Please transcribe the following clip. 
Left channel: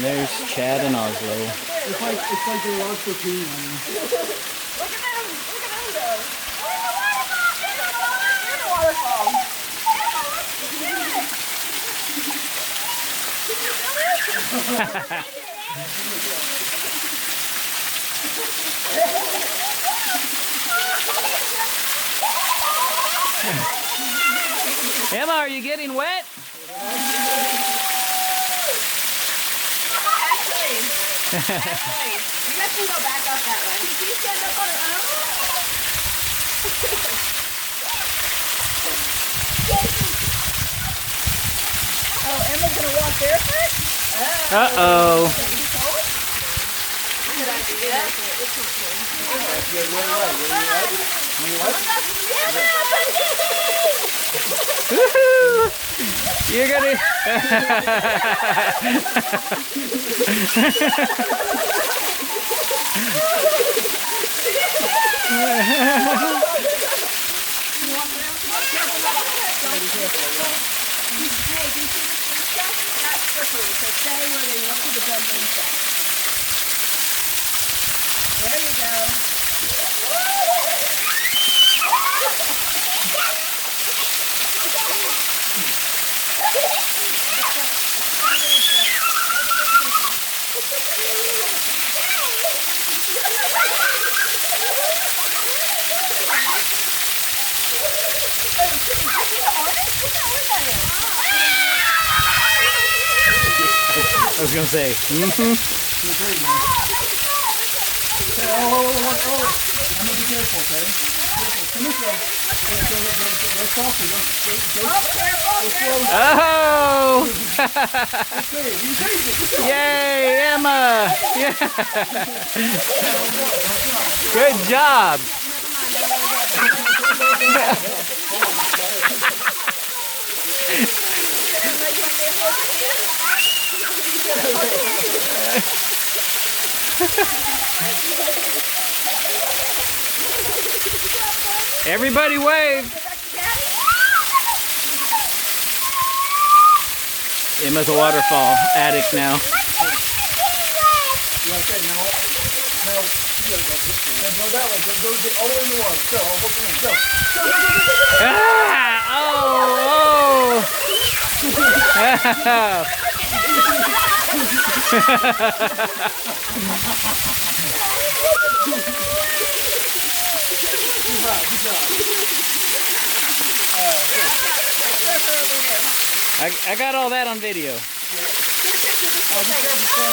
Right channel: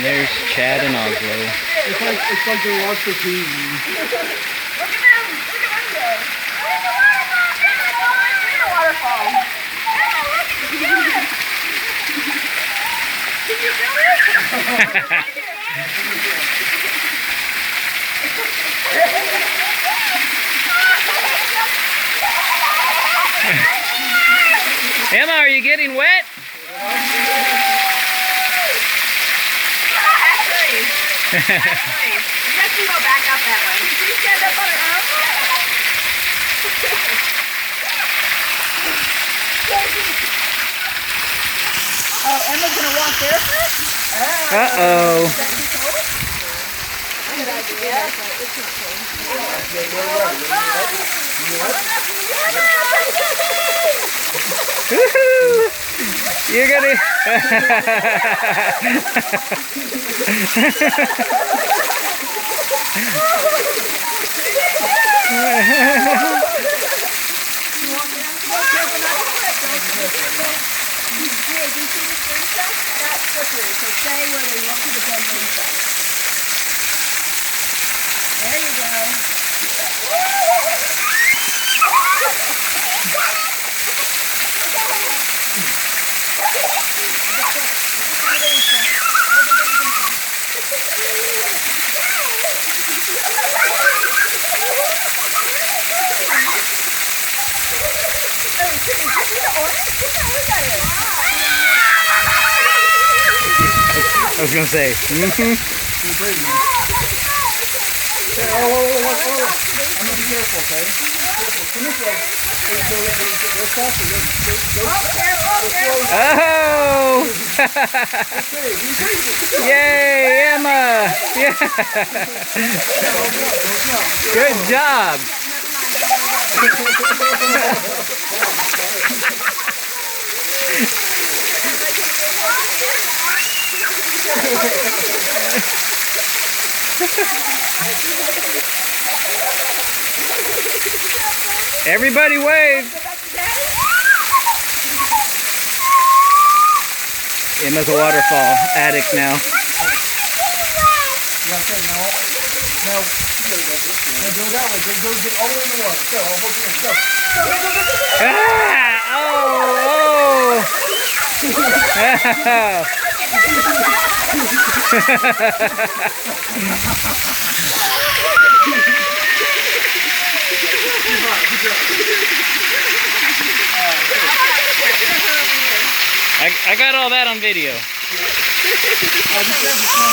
There's Chad and Oslo. It's like they're lost for team. Look at them go. There's a waterfall. Can you feel it? Emma, are you getting wet? Actually, you guys can go back out that way. Can you stand up on it? Oh, Emma's gonna walk barefoot? Uh-oh. Woohoo! You're gonna... There you go. I was gonna say. Mm-hmm. Okay, I'm gonna be careful, okay? Careful. Come this way. Go softer. Go Oh! Yay, Emma! Yeah. Good job. Everybody wave. Emma's a waterfall addict now. Yeah, okay, now you gotta go this way. Now go that way. Go all the way in the water. Go, I'll hold you in. Go. Ah! Good job. I got all that on video. Be careful.